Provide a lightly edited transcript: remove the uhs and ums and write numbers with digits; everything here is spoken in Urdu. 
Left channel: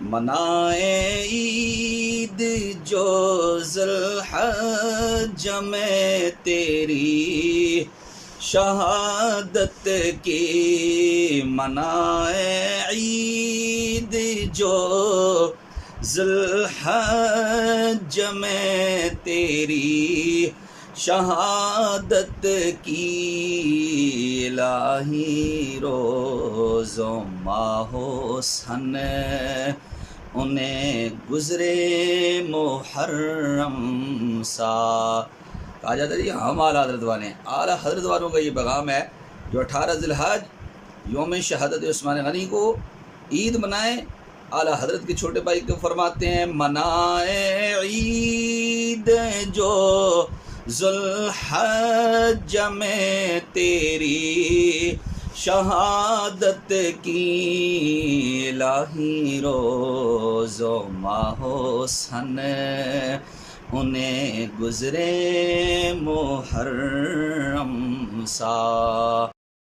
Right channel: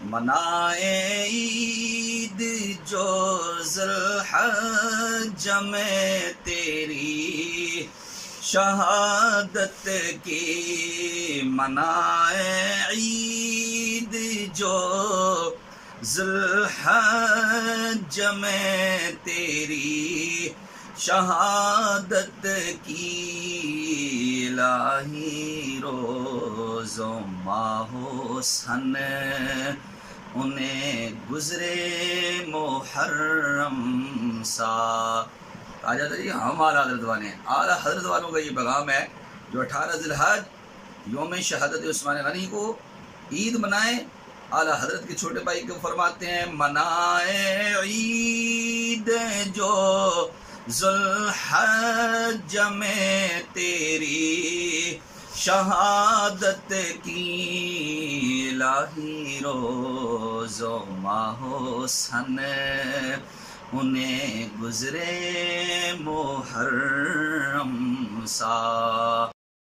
منائے عید جو ذوالحج میں تیری شہادت کی، منائے عید جو ذوالحج میں تیری شہادت کی، الہی روز و ماہ و سن انہیں گزرے محرم سا۔ کہا جاتا ہے جی ہم اعلیٰ حضرت والے ہیں، اعلیٰ حضرت والوں کا یہ پیغام ہے جو 18 ذی الحج یوم شہادت عثمان غنی کو عید منائیں۔ اعلیٰ حضرت کے چھوٹے بھائی کو فرماتے ہیں منائے عید جو ذوالحج میں تیری شہادت کی، الہی روز و ماہ و سن انہیں گزرے محرم سا۔